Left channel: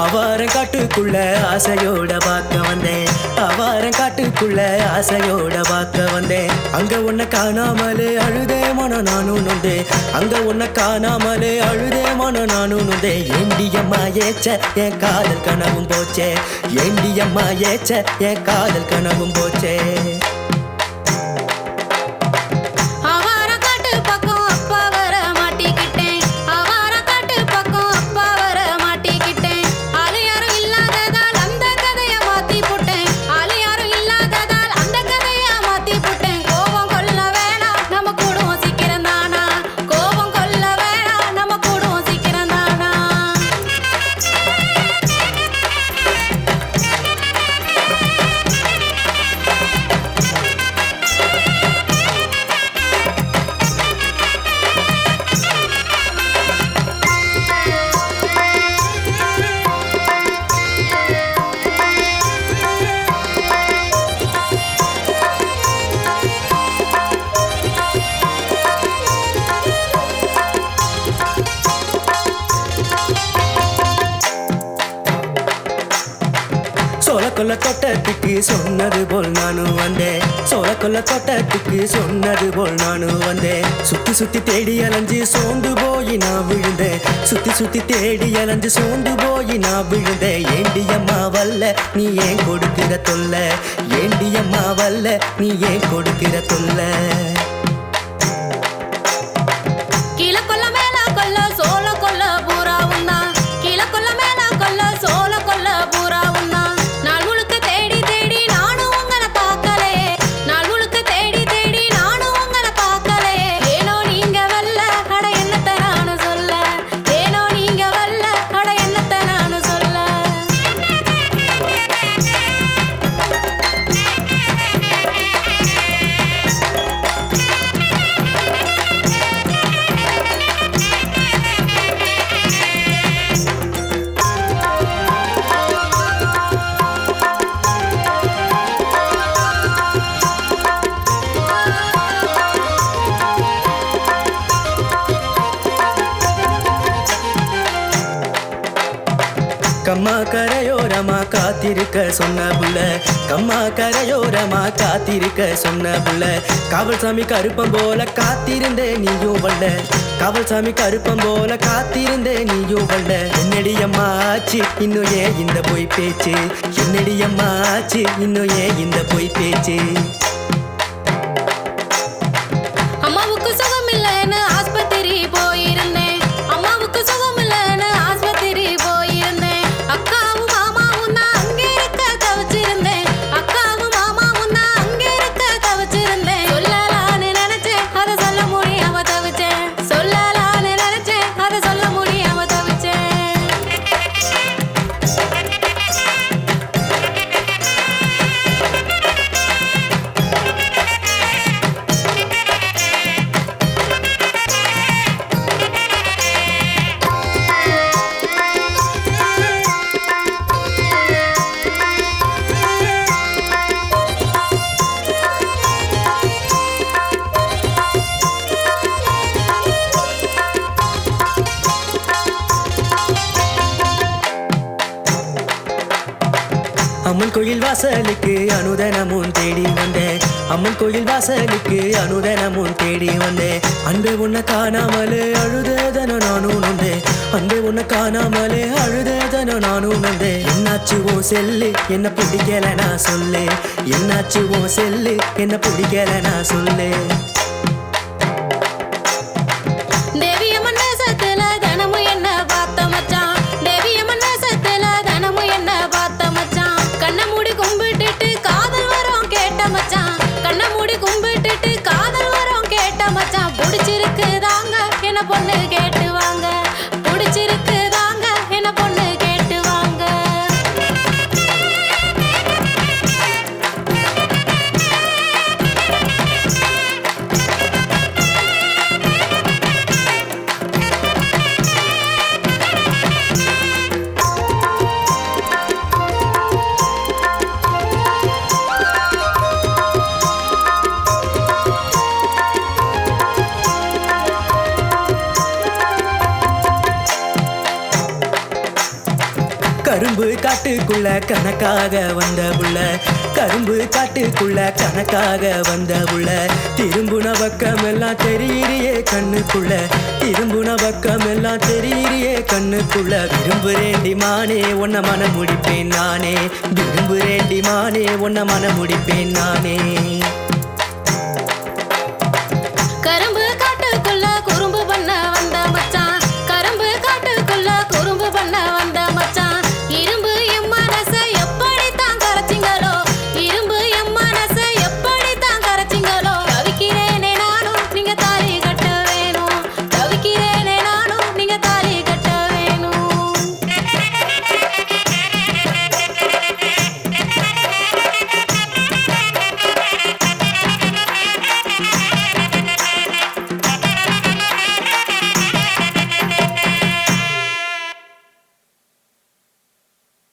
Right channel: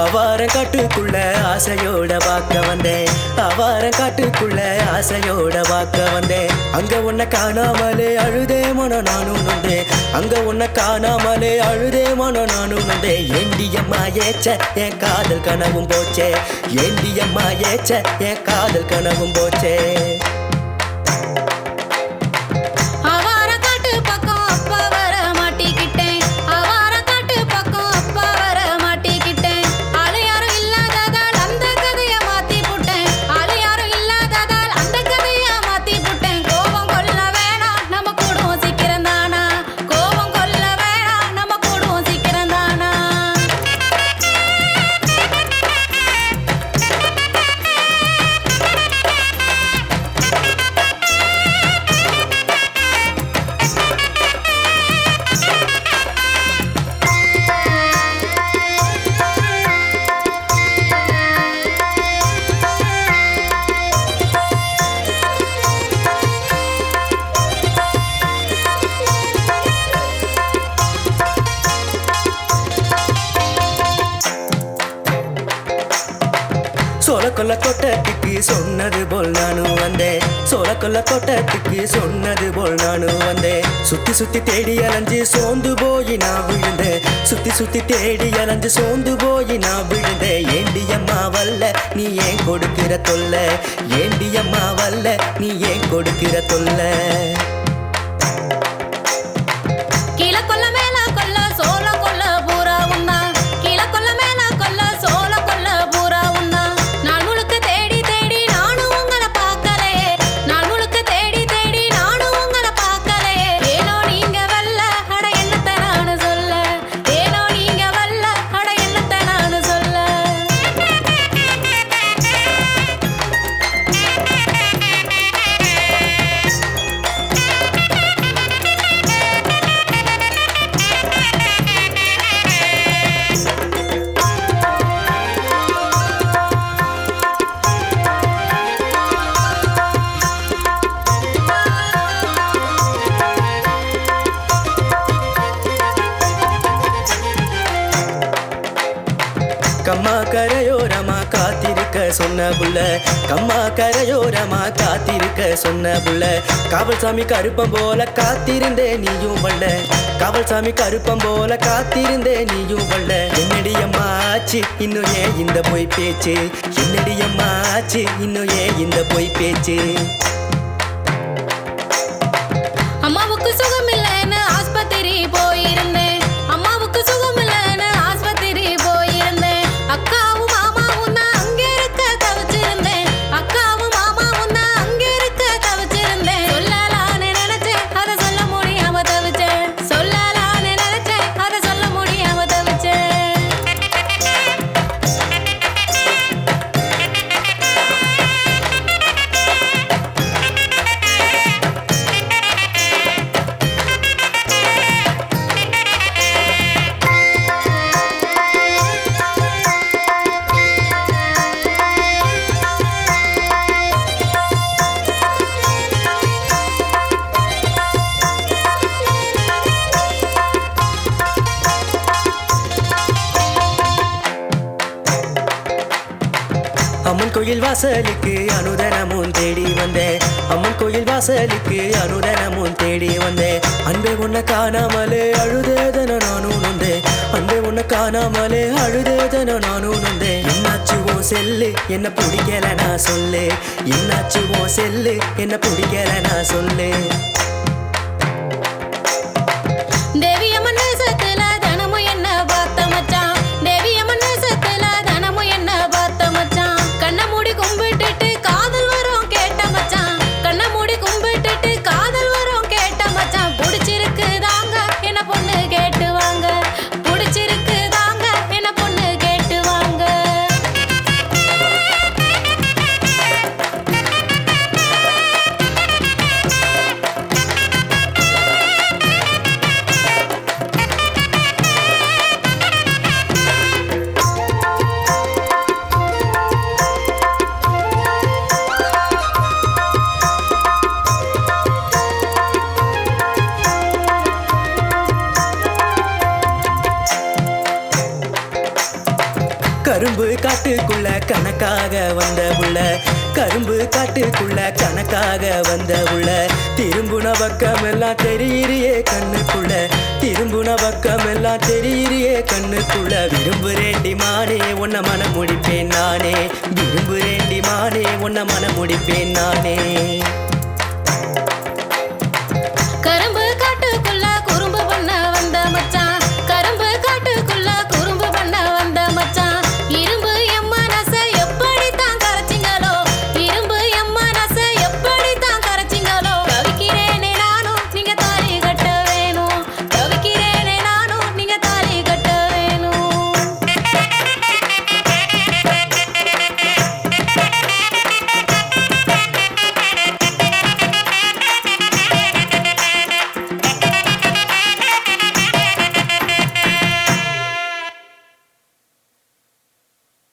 அவாரம் காட்டுக்குள்ள ஆசையோட பார்க்க வந்தேன், அவாரம் காட்டுக்குள்ள ஆசையோட பார்க்க வந்தேன். அங்க உன்னை காணாமலே அழுதே மனம் நானும் நொந்தேன், அங்க உன்னை காணாமலே அழுதே மனம் நானும் நொந்தேன். ஏண்டியம்மா ஏச்ச என் காதல் கனவும் போச்சே, ஏண்டியம்மா ஏச்ச என் காதல் கனவும் போச்சே. சோளக்கொல்ல தோட்டத்துக்கு சொன்னது போல் நானும் வந்தேன், சோளக்கொல்ல தோட்டத்துக்கு சொன்னது போல் நானும் வந்தேன். சுத்தி சுத்தி தேடி அலைஞ்சு சோர்ந்து போய் நான் விழுந்தேன், சுத்தி சுத்தி தேடி அலைஞ்சு சோர்ந்து போய் நான் விழுந்தேன். ஏண்டியம்மா வல்ல நீ ஏன் கொடுக்கிற தொல்லை, ஏண்டியம்மா வல்ல நீ ஏன் கொடுக்கிற தொல்லை. கீழே கொல்ல மேல கொல்ல சோள கொல்ல பூரா உண்டா, கீழே கொல்ல மேல கொல்ல சோள கொல்ல பூரா உண்டா. நாள் முழுக்க தேடி தேடி நானும் உங்களை பார்க்கலையே, நாள் முழுக்க தேடி தேடி நானும் உங்களை பார்க்கலையே. ஏனோ நீங்க வல்ல அட என்னத்தை நானு சொல்ல, ஏனோ நீங்க வல்ல அட என்னத்தை நானு சொல்ல. கம்மா கரையோரமா காத்திருக்க சொன்ன புள்ள, கம்மா கரையோரமா காத்திருக்க சொன்ன புள்ள. காவல் சாமி கருப்பம் போல காத்திருந்தே நீயும் வல்ல, காவல் சாமி கருப்பம் போல காத்திருந்தே நீயும் வல்ல. என்னடியம்மா ஆச்சு இன்னும் ஏன் இந்த பொய் பேச்சு, என்னடியம்மா ஆச்சு இன்னும் ஏன் இந்த பொய் பேச்சு. அம்மாவுக்கு சுகம் இல்லைன்னு ஆஸ்பத்திரி போயிருந்தேன், அம்மாவுக்கு சுகம் இல்லைன்னு ஆஸ்பத்திரி போயிருந்தேன். அக்காவும் மாமாவும் தான் அங்கே இருக்க தவிச்சிருந்தேன், அக்காவும் மாமாவும் தான் அங்கே இருக்க தவிச்சிருந்தேன். சொல்லலான்னு நினைச்சேன் அதை சொல்ல முடியாம தவிச்சேன், சொல்லலான்னு நினைச்சேன் அதை சொல்ல முடியாம தவிச்சேன். அம்மன் கோயில் வாசலுக்கு அனுதனமும் தேடி வந்தேன், அம்மன் கோயில் வாசலுக்கு அனுதனமும் தேடி வந்தேன். அன்பே உன்னை காணாமலே அழுதேதன நானும் நொந்தேன், அன்பே உன்னை காணாமலே அழுதேதன நானும் நொந்தேன். என்னாச்சு ஓ செல்லு என்ன பிடிக்கல நான் சொல்லு, என்னாச்சு ஓ செல்லு என்ன பிடிக்கல நான் சொல்லு. தேவியம்மன் வேஷத்துல தினமும் என்ன பார்த்த மச்சான், தேவியம்மன் வேஷத்துல தினமும் என்ன பார்த்த மச்சான். கண்ணை மூடி கும்பிட்டுட்டு காதல் வரும் கேட்ட மச்சான், கண்ணை மூடி கும்பிட்டுட்டு காதல் வரும் கேட்ட மச்சான். பிடிச்சிருக்கு தாங்க என்ன பொண்ணு கேட்டு வாங்க, பிடிச்சிருக்கு தாங்க என்ன பொண்ணு கேட்டு வாங்க. கரும்பு காட்டுக்குள்ள கணக்காக வந்த புள்ள, கரும்பு காட்டுக்குள்ள கணக்காக வந்த புள்ள, திரும்புன பக்கம் எல்லாம் தெரியிறியே கண்ணுக்குள்ள, திரும்புன பக்கம் எல்லாம் தெரியிறியே கண்ணுக்குள்ள. விரும்புறேண்டி மானே உன்னை மனம் முடிப்பேன் நானே, விரும்புறேண்டி மானே உன்னை மனம் முடிப்பேன் நானே.